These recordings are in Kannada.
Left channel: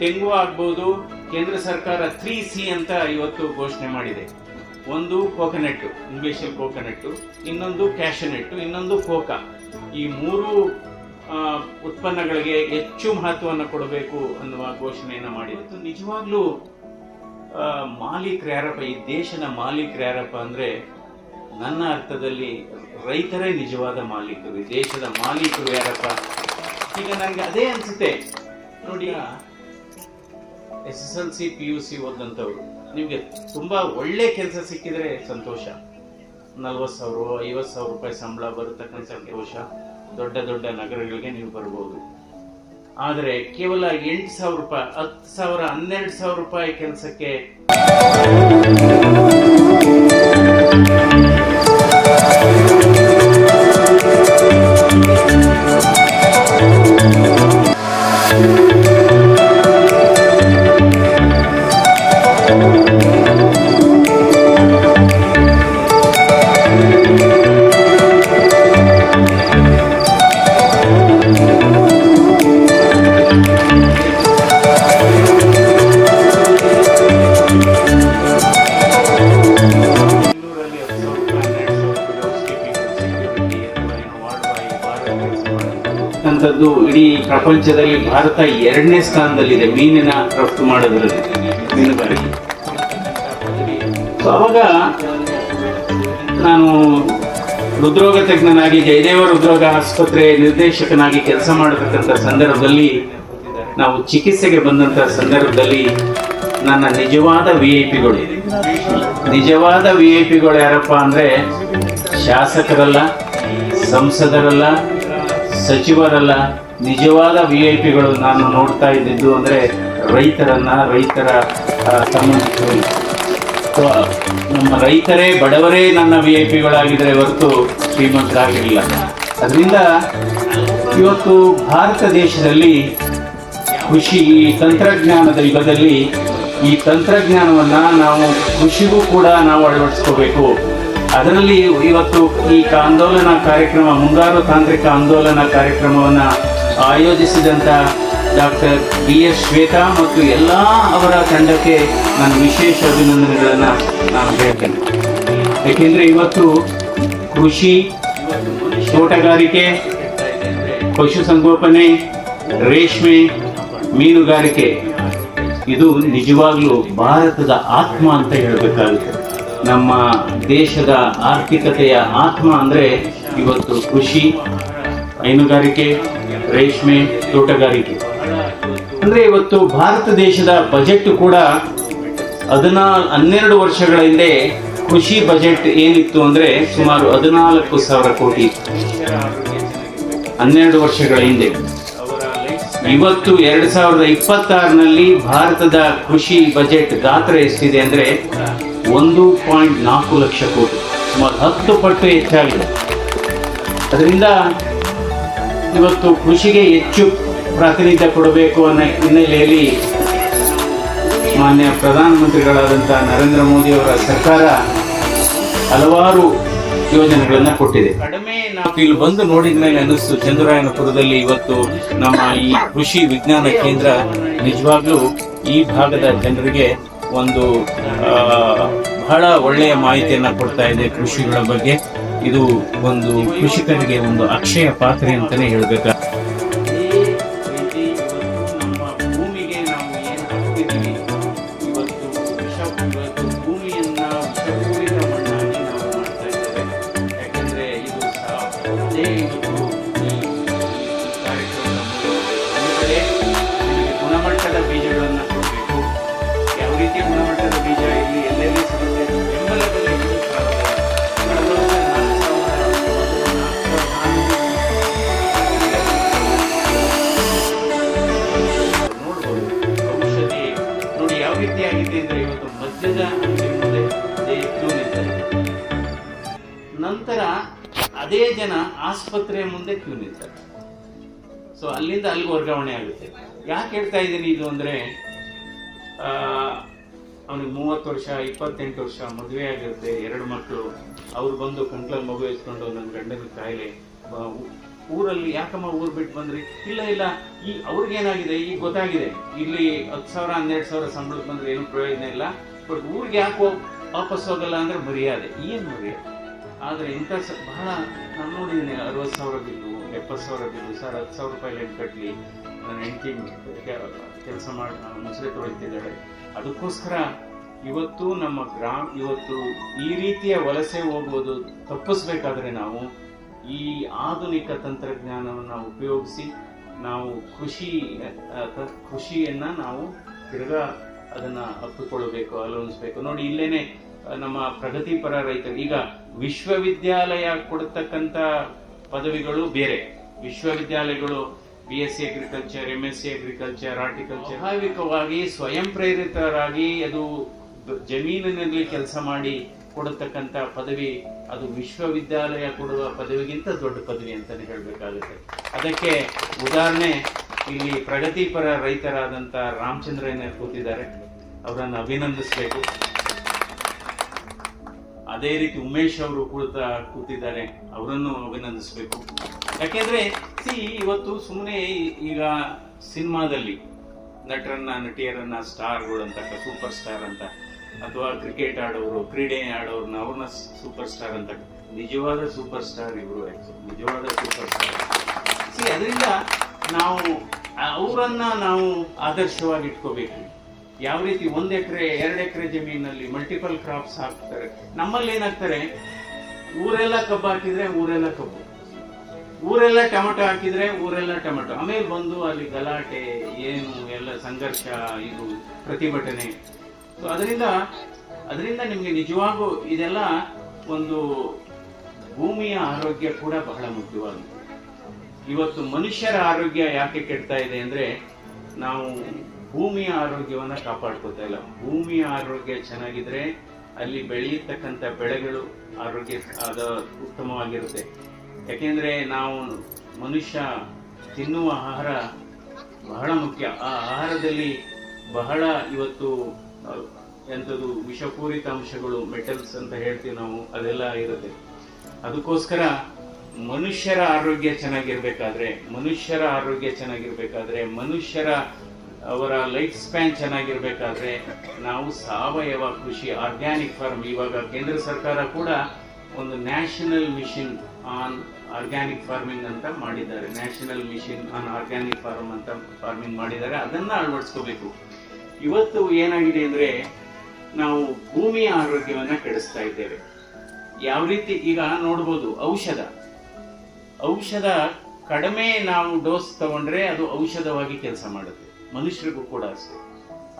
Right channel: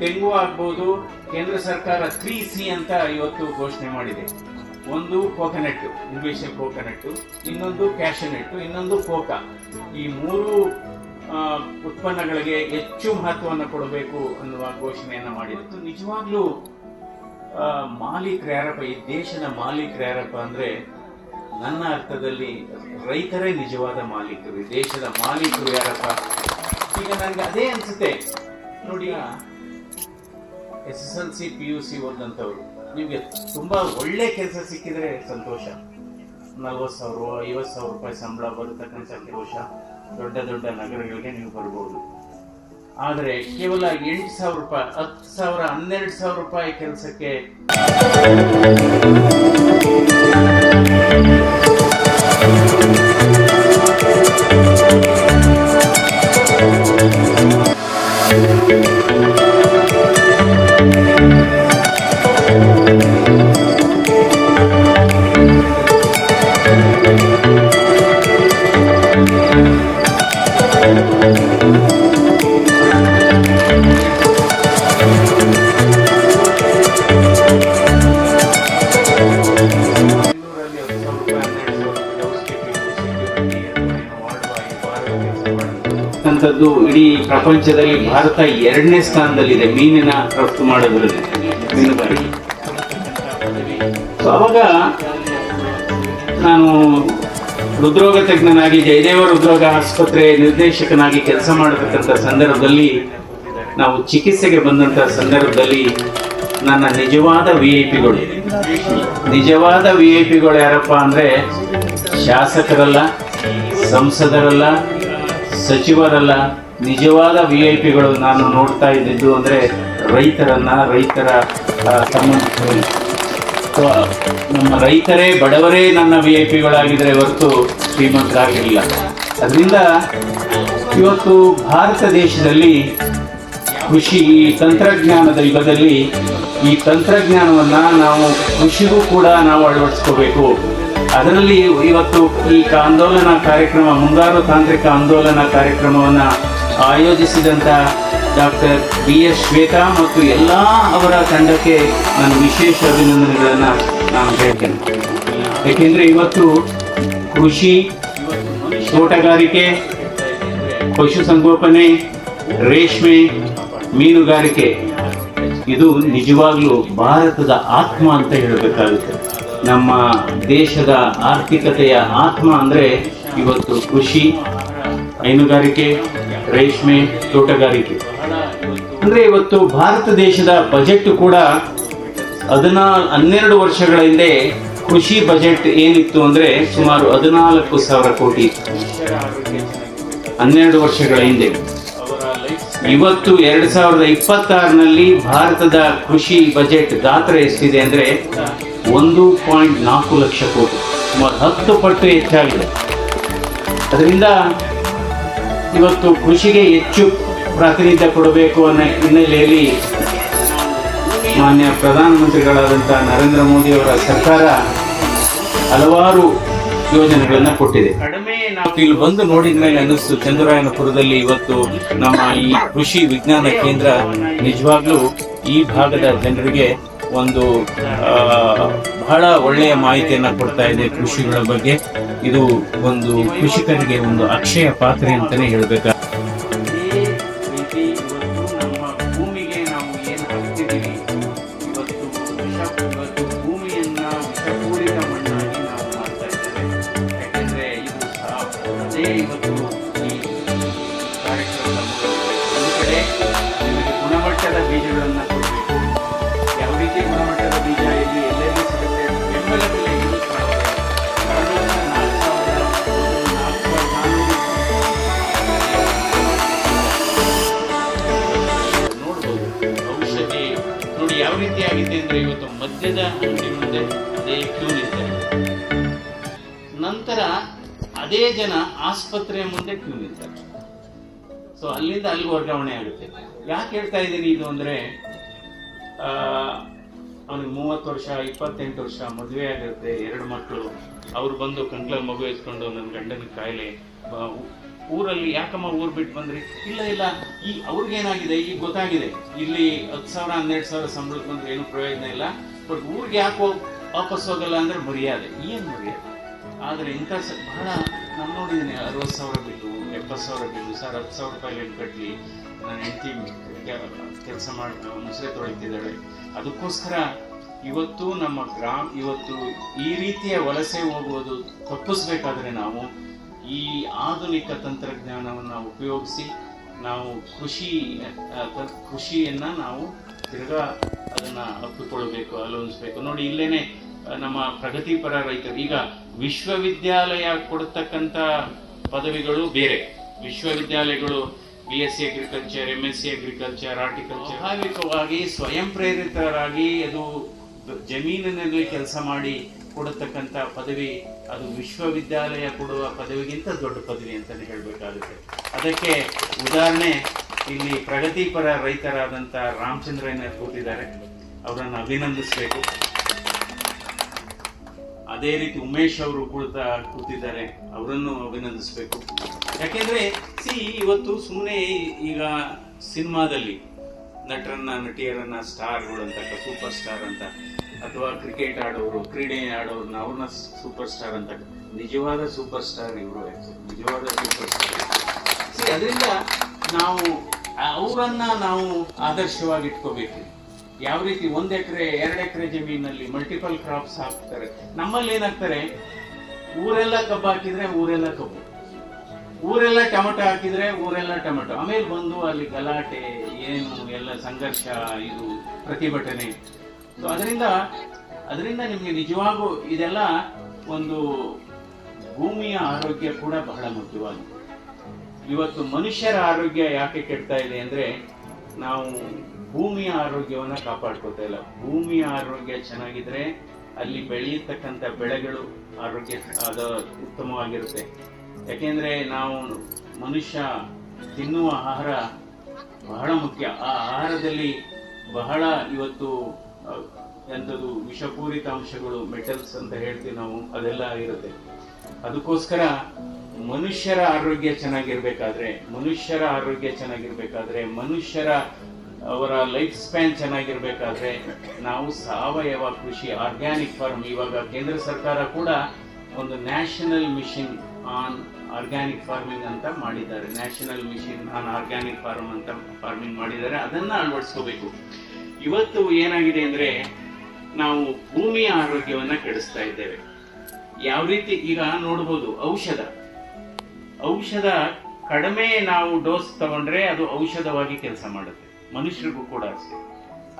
ತೆಂಗು ಆಗ್ಬಹುದು. ಕೇಂದ್ರ ಸರ್ಕಾರ 3C ಅಂತ ಇವತ್ತು ಘೋಷಣೆ ಮಾಡಿದೆ. ಒಂದು ಕೋಕೋನಟ್, ಇಂಗ್ಲಿಷ್ ಕೋಕೋನಟ್, ಇನ್ನೊಂದು ಕ್ಯಾಶನಟ್, ಇನ್ನೊಂದು ಕೋಕಾ. ಈ ಮೂರು ಉತ್ಪನ್ನಗಳಿಗೆ ಹೆಚ್ಚು ಮಹತ್ವವನ್ನು ಕೊಡಬೇಕು ಅನ್ನುವ ಘೋಷಣೆಯನ್ನ ಮಾಡಿತ್ತು. ನಿಜವಾಗ್ಲೂ ಮಾಲೀಕರು ಯಾರಪ್ಪ, ಈ ದೇಶದ ಮಾಲೀಕರು ಯಾರಪ್ಪ ಅಂದ್ರೆ ನನ್ನ ಅರ್ಥದಲ್ಲಿ ರೈತರೇ ನಿಜವಾದ ಮಾಲೀಕರು. ಈ ದೇಶದ ಮಾಲೀಕರು ಯಾರಪ್ಪ? ಈಗ ನನಗೆ ಅದೇ ಅನ್ಸುತ್ತೆ ನೋಡಿ, SSLC PUC ಓದಂತವ್ರು ನಿಮ್ಗೆ ತುಂಬಾ ಒಳ್ಳೆ ಕೆಲಸ ಸಿಕ್ಕಿದ್ರೆ ಸಂತೋಷ. 40,000 50,000 ರೂಪಾಯಿ ಸಂಬಳ ಬರತಕ್ಕಂಥ ಸಂತೋಷ. ದೊಡ್ಡ ದೊಡ್ಡ ನಗರಗಳಿಗೆ ನೀವು ಬರ್ಬೋದು. ಆದರೆ ಕೇವಲ 8,000 ರೂಪಾಯಿ, 10,000, 12,000 ರೂಪಾಯಿ ಕೆಲಸಕ್ಕೆ ಇಡೀ ಪ್ರಪಂಚದಲ್ಲಿ ಭಾರತ 2ನೇ ಸ್ಥಾನದಲ್ಲಿದೆ ಮೀನಿನ ರಫ್ತು ಮಾಡೋದ್ರಲ್ಲಿ, ಮೀನುಗಾರಿಕೆ. ಅವಾಗ ನಾನು ಹೃದ್ರೋಗ ತಜ್ಞನಾಗಿ ಜಯದೇವ ಹೃದ್ರೋಗ ಆಸ್ಪತ್ರೆ ನಿರ್ದೇಶಕನಾಗಿ ಕೆಲಸ ಮಾಡತಕ್ಕಂಥ ಸಂದರ್ಭದಲ್ಲಿ, ನಾವು ಚಿಕಿತ್ಸೆಗೆ ಬಂದಂತ ಸಂದರ್ಭದಲ್ಲಿ ನನ್ನ ನಿಜವಾದ ವಿಐಪಿಗಳು ಯಾರಪ್ಪ ಅಂದ್ರೆ ಶಾಸಕರಲ್ಲ, ಸಂಸದರಲ್ಲ, ಸಚಿವರಲ್ಲ, ನಿಜವಾದ ವಿಐಪಿಗಳು ನಾನು ನೋಡ್ತಾ ಇದ್ದಿದ್ದು ಅಂದ್ರೆ ರೈತರ ಸಂಬಂಧಿಸಿದ ನಮ್ಮ ರೈತರೇ, ಬಡವರೇ ನನ್ನ ವಿಐಪಿಗಳಾಗಿದ್ರೆ ಹೊರತು ಶ್ರೀಮಂತರಾಗಿರಲಿಲ್ಲ. ಅದರಿಂದ ಇವತ್ತು ಭಾರತ ದೇಶದಲ್ಲಿ ಕೃಷಿ ತಂತ್ರಜ್ಞಾನದ ಯುಗದಲ್ಲಿ ಈ ತಂತ್ರಜ್ಞಾನವನ್ನ ನಾವು ಕೃಷಿಗೂ ಕೂಡ ನಾವು ಅಳವಡಿಸ್ಕೋಬೇಕು. ಅದರಲ್ಲಿ ಇವತ್ತು ಈ ಆಂದೋಲನ ಕಾರ್ಯಕ್ರಮ, ಮುಂಗಾರು ತಾಂತ್ರಿಕ ಆಂದೋಲನ ಕಾರ್ಯಕ್ರಮವನ್ನ ಆಯೋಜಿಸಿದಂತ ಡಾಕ್ಟರ್ BS ಶ್ವೇತಾ ಮತ್ತು ಎಲ್ಲ ಅವರ ತಂಡಕ್ಕೆ ನಾನು ವಿಶೇಷ ಅಭಿನಂದನೆಗಳನ್ನು ನಾನು ಹೇಳ್ತೇನೆ. ಯಾಕೆಂದ್ರೆ ಇವತ್ತು ಕೃಷಿ, ತೋಟಗಾರಿಕೆ, ಪಶುಸಂಗೋಪನೆ, ರೇಷ್ಮೆ, ಮೀನುಗಾರಿಕೆ ಇದು ನಿಜವಾಗ್ಲೂ ಭಾರತದ ಆತ್ಮ ಅಂತ ಹೇಳಬೇಕಾಗುತ್ತೆ. ನಮ್ಮ ದೇಶದ ಆರ್ಥಿಕತೆಯ ಆತ್ಮ ಅಂದ್ರೆ ಇವತ್ತು ಕೃಷಿ, ಹೈನುಗಾರಿಕೆ, ರೇಷ್ಮೆ, ತೋಟಗಾರಿಕೆ. ಅಂದ್ರೆ ಇವತ್ತು ಭಾರತ ದೇಶದ ಬಜೆಟ್ ಕೂಡ 12 ವರ್ಷಗಳ ಹಿಂದೆ ಕೃಷಿ ಬಜೆಟ್ ಏನಿತ್ತು ಅಂದ್ರೆ ಸುಮಾರು 14,000 ಕೋಟಿ ಇತ್ತು 12 ವರ್ಷಗಳ ಹಿಂದೆ. ಇವತ್ತು 2026ನಲ್ಲಿ ಭಾರತದ ಕೃಷಿ ಬಜೆಟ್ ಗಾತ್ರ ಎಷ್ಟಿದೆ ಅಂದ್ರೆ 1.4 ಲಕ್ಷ ಕೋಟಿ, ಸುಮಾರು 10 ಪಟ್ಟು ಹೆಚ್ಚಾಗಿದೆ. ಅದರಿಂದ ಇವತ್ತು ಕೃಷಿಗೆ ಹೆಚ್ಚು ಪ್ರಾತಿನಿಧ್ಯ ಕೊಡಬೇಕು ಅನ್ನೋ ಹಿನ್ನೆಲೆಯಲ್ಲಿ ಮಾನ್ಯ ಪ್ರಧಾನಮಂತ್ರಿಗಳಾದಂತಹ ನರೇಂದ್ರ ಮೋದಿ ಅವರ ಸರ್ಕಾರ ಹಲವಾರು ಯೋಜನೆಗಳನ್ನ ಕೊಟ್ಟಿದೆ. ಕಡಿಮೆ ನಾವು ಇಲ್ಲಿ ಬಂದು ನೋಡಿದ ಮೇಲೆ ಅನ್ನಿಸ್ತು, ಚಂದ್ರಾಯನಪುರದಲ್ಲಿ ಇವತ್ತು ನಮ್ಮ ಈ ಕೃಷಿ ವಿಜ್ಞಾನ ಕೇಂದ್ರ ನಿಜವಾಗ್ಲೂ ಈ ಭಾಗದ ಜನರಿಗೆ ಒಂದು ಬಹಳ ಒಳ್ಳೆಯ ಮಾಹಿತಿಯನ್ನ ಕೊಡ್ತಾ ಇದೆ ಕೃಷಿಗಳ ಬಗ್ಗೆ. ಇದು ಒಂದು ಕೃಷಿಕರಿಗೆ ಒಂದು ಅಕ್ಷಯ ಪಾತ್ರೆ ಅಂತಾನೆ ಹೇಳ್ಬೇಕು. ಗುಣಮಟ್ಟದ ಬೀಜಗಳನ್ನು ಕೊಡಬೇಕು. ಯಾವ ರೀತಿ ಗುಣಮಟ್ಟದ ಬೀಜ ಇಲ್ಲಿ ಎಲ್ಲೆಲ್ಲಿ ಸಿಗುತ್ತೆ, ಬೆಂಬಲ ಬೆಲೆ ನೋಡ್ಬೋದು. ಔಷಧಿ ನೋಡಿ ಯಾವ ರೀತಿ ಆಗಿದೆ ಅಂದ್ರೆ ಇವತ್ತು ಮದ್ಯದ ಅಂಗಡಿ ಮುಂದೆ ಅದೇ ಕ್ಯೂ ನಿಂತಾರೆ, ನಂತರ ಅದೇ ಜನ ಆಸ್ಪತ್ರೆಯ ಮುಂದೆ ಕ್ಯೂ ನಿಂತಾರೆ. ಸೊ ಅಲ್ಲಿಂದ ಅಲ್ಲಿಗೆ ವರ್ಗಾವಣೆ ಆಗುತ್ತೆ. ಯಾಕೆ ಹೇಳ್ತಾ ಇದ್ದೀನಿ ಇದು ಅಂದ್ರೆ, ಅವನಿಗೆ 30 ವರ್ಷ 28 ವರ್ಷ ಮದುವೆ ಆಗಿರುತ್ತೆ, 2 ಮಕ್ಕಳು, ಅವ್ರು ಬಂದು ಕಂಕ್ಳಲ್ಲಿ ಮಗು ಎತ್ಕೊಂಡು ನನ್ನ ಗಂಡನ ಕಾಯಿಲೆ, ಊರಲ್ಲಿ ಯಾಕಮ್ಮ ಊರು ಬಿಟ್ಟು ಬಂದ್ರಿ? ಇಲ್ಲ ಈ ಅವ್ರಿಗೇನಾಗಿದೆ ಈಗ ಗೊತ್ತಾಗಿದೆ, ಇಲ್ಲಿ 10,000 12,000 ಸಂಬಳಕ್ಕೆ ಬಂದ್ರೆ ಏನು ಪ್ರಯೋಜನ ಇಲ್ಲ, ಬಟ್ ಊರಿಗೆ ಯಾಕೋ ವಾಪಸ್ ಹೋಗಲ್ಲ ಅಂದ್ರೆ ಮರ್ಯಾದೆ. ಏನು ಮರ್ಯಾದೆ? ಆದರೆ ಇಂಥ ಬಹಳ ನಾನು ನೋಡಿದ್ದೀನಿ, 60,000 ಬಿಲ್ಲು, 70,000 ಬಿಲ್ಲು, ಸರ್ 10,000 ರೂಪಾಯಿ ಲೆಂಟ್ ಕಟ್ಟಲಿ, ನನ್ನ ಹೆಂಡತಿ ಕೆಲಸ ಮಾಡಿ ಮುಸುರೆ ತೊಳಿತಿದ್ದಾಳೆ. ಅದಕ್ಕೋಸ್ಕರ ಇವತ್ತು ನಮ್ಮ ಇವತ್ತು ಈ ರೀತಿಯ ವಲಸೆ ಹೋಗುವುದು ತಪ್ಪಿಸ್ಬೇಕಾದ್ರೆ ನಾವು ಈ ಆಧುನಿಕ ತಂತ್ರಜ್ಞಾನವನ್ನು ಉಪಯೋಗಿಸಿ ನಾವು ಕೃಷಿಯನ್ನ ನಾವು ತಿರ್ಗಾ ಅದನ್ನ ಅಪ್ಪಿಕೊಳ್ಳಬೇಕು, ಆಲೋಚಿಸಬೇಕು. ನೋಡಿ ಇಲ್ಲೇನೆ ನಮ್ಮ ಪ್ರಗತಿಪರ ರೈತರು ಈಗ ವಿಶ್ವವಿದ್ಯಾಲಯ ಕೊಡತಕ್ಕಂಥ ಪದವಿಗಳು ಬೇರೆ, ವಿಶ್ವವಿದ್ಯಾಲಯಗಳು BSc agriculture, MSc agriculture, horticulture, ಸ್ವಾಭಾವಿಕವಾಗಿ ಸ್ವಯಂ ಪ್ರೇರಿತರಾಗಿ ಅದು ಜಮೀನಿನಲ್ಲಿ ಕೆಲಸ ಮಾಡಿ ಕೊಡತಕ್ಕಂಥ ಪದವಿ, ಅದು ವಿಶ್ವವಿದ್ಯಾಲಯ ಕೊಡುವ ಪದವಿಗಿಂತ ದೊಡ್ಡ ಪದವಿ ಅಂತಾನೆ ಹೇಳಬೇಕಾಗುತ್ತೆ. ಅದಕ್ಕೆ ಉದಾಹರಣೆ ಇಲ್ಲಿ ಪ್ರಗತಿಪರ ರೈತರಾದಂಥ ರಾಮಚಂದ್ರಯ್ಯನವರು ಕೂತಿದ್ದಾರೆ, ಅವರನ್ನು ಅಭಿನಂದಿಸಬೇಕು. ಅದೇ ರೀತಿ ಉಮೇಶ್ ಅವರು ಕೂತಿದ್ದಾರೆ, ಅವರನ್ನು ಅಭಿನಂದಿಸಬೇಕು. ಯಾಕೆಂದ್ರೆ ಇವತ್ತು ಸುಮ್ಮನೆ ಈಗ ಸಿನಿಮಾದಲ್ಲಿ ನಟರನ್ನ ನಟಿಯರನ್ನ ಸ್ಟಾರ್ಗಳು ಅಂತ, ಸೂಪರ್ ಸ್ಟಾರ್ ಅಂತ, ಅಥವಾ ಕ್ರಿಕೆಟ್ ಆಡೋರು, ಕ್ರೀಡೆ ಆಡೋರ್ನ ಅವ್ರನ್ನ ಸೂಪರ್ ಸ್ಟಾರ್ ಅಂತ, ನಿಜವಾದ ಸೂಪರ್ ಸ್ಟಾರ್ ಇವರು, ನಿಜವಾದ ಸೂಪರ್ ಸ್ಟಾರ್. ಅದರಿಂದ ನಾವು ಅವರನ್ನ ನಾವು ಆದರ್ಶವಾಗಿ ಇಟ್ಕೋಬೇಕು. ಯಾವ ರೀತಿ 1 ಎಕರೆ 2 ಎಕರೆ ಜಮೀನಲ್ಲಿ ಮಲ್ಟಿಪಲ್ ಕ್ರಾಪ್ಸ್ ಹಾಕ್ತಾರೆ. ನಮ್ಮಲ್ಲಿ ಏನಾಗ್ತಾರೆ, ಊರೆಲ್ಲ ಕಬ್ಬು ಹಾಕಿದ್ರೆ ಊರೆಲ್ಲ ಕಬ್ಬು, ಊರೆಲ್ಲ ಟೊಮೆಟೊ ಹಾಕಿದ್ರೆ ಊರೆಲ್ಲ ಟೊಮೆಟೊ. ಆಮೇಲೆ ಬಂದು ಅಲ್ಲಿ ಗಲಾಟೆ ಏನು ಎಲ್ಲ ಸಂಘರ್ಷ, ಇದು ಪ್ರತಿಭಟನೆ. ಸೊ ಅದರಿಂದ ನಿಮಗೆ ನಿಜವಾಗೂ ಇದೆಲ್ಲ ಒಂದು ಭೂಮಿಯ ಆರೋಗ್ಯ ಕೂಡ ಬಹಳ ಮುಖ್ಯವಾಗಿದೆ. ಇವತ್ತು ಮನುಷ್ಯರ ಆರೋಗ್ಯ ಯಾಕೆ ಕೆಡ್ತಾ ಇದೆ ಅಂದ್ರೆ ನಾವು ಭೂಮಿಯ ಆರೋಗ್ಯವನ್ನ ಕಾಪಾಡ್ಕೋತಾ ಇಲ್ಲ. ಭೂಮಿಯ ಆರೋಗ್ಯ ಚೆನ್ನಾಗಿದ್ರೆ ಅಲ್ಲಿ ಬೆಳೆಯತಕ್ಕಂಥ ಬೆಳೆಗಳು ಆರೋಗ್ಯ ಉತ್ತಮವಾಗಿರುತ್ತೆ. ಯಾಕೆಂದ್ರೆ ನಾವು ಮನುಷ್ಯ ತಿನ್ನುವ ಆಹಾರ ಬಹಳ ಮುಖ್ಯ. ಆ ಆಹಾರದಲ್ಲಿ ಬಹಳ ಇವತ್ತು ಎಂಥದ್ದು ವಿಷಪೂರಿತ ಅಂಶಗಳು, ಮೆಟಲ್ಸ್ ಅಂತ ಹೇಳ್ತೀವಿ ನಾವು, ಅದೆಲ್ಲ ಇರುತ್ತೆ. ಅದಕ್ಕೋಸ್ಕರ ಮನುಷ್ಯರ ಆರೋಗ್ಯ ಚೆನ್ನಾಗಿರ್ಬೇಕಾದ್ರೆ ಮನುಷ್ಯರ ಅವರ ಲೈಫ್ ಸ್ಪ್ಯಾನ್ ಚೆನ್ನಾಗಿರ್ಬೇಕಾದ್ರೆ ನಾವು ಸಾವಯವ ಕೃಷಿ, ಆರ್ಗ್ಯಾನಿಕ್ ಫಾರ್ಮ್, ಇವಾಗ ಕೇಂದ್ರ ಸರ್ಕಾರ ಕೂಡ ಒಂದು national mission on organic farming ಅಂತ ಮಾಡಿದ್ದಾರೆ. National mission on organic farming ಮಾಡಿದ್ದಾರೆ. ಅದನ್ನ ಅಳವಡಿಸ್ಕೋಬೇಕು. ಇವತ್ತು ಏನಾಗಿದೆ ಅಂದ್ರೆ ನಾವು ಭೂಮಿಯ ಆರೋಗ್ಯವನ್ನ ಕೆಡಿಸ್ತಾ ಇದ್ದೇವೆ. ಯಾವ ರೀತಿ ಈಗ ನೋಡ್ಬೋದು, ಔಷಧ ಕಡಿಮೆ ನಾವು ಡೋಸ್ ತಗೊಂಡ್ರೆ ಅದು ಔಷಧವಾಗಿ ಕೆಲಸ ಮಾಡುತ್ತೆ. ಮನುಷ್ಯರಿಗೂ ಕೂಡ ಅಷ್ಟೇ.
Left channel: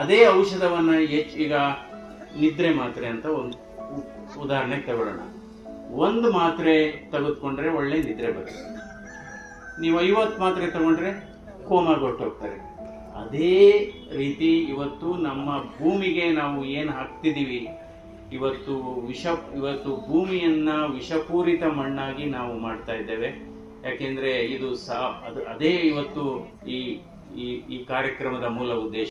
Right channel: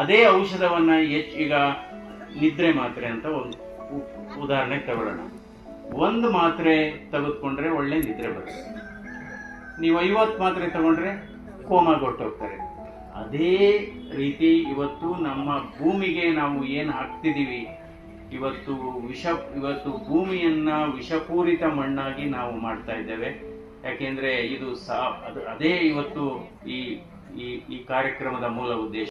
ಅದೇ ಔಷಧವನ್ನ ಈಗ ನಿದ್ರೆ ಮಾತ್ರೆ ಅಂತ ಒಂದು ಉದಾಹರಣೆ ತಗೊಳ್ಳೋಣ. ಒಂದು ಮಾತ್ರೆ ತೆಗೆದುಕೊಂಡ್ರೆ ಒಳ್ಳೆ ನಿದ್ರೆ ಬರುತ್ತೆ. ನೀವು 50 ಮಾತ್ರೆ ತಗೊಂಡ್ರೆ ಕೋಮಾಗೊಟ್ಟೋಗ್ತಾರೆ. ಅದೇ ರೀತಿ ಇವತ್ತು ನಮ್ಮ ಭೂಮಿಗೆ ನಾವು ಏನು ಹಾಕ್ತಿದೀವಿ, ಇವತ್ತು ಭೂಮಿಯನ್ನ ವಿಷಪೂರಿತ ಮಣ್ಣಾಗಿ ನಾವು ಮಾಡ್ತಾ ಇದ್ದೇವೆ. ಯಾಕೆಂದ್ರೆ ಇದು ಅದೇ ಇವತ್ತು ಈ ಕಾರ್ಯಕ್ರಮದ ಮೂಲ ಉದ್ದೇಶ.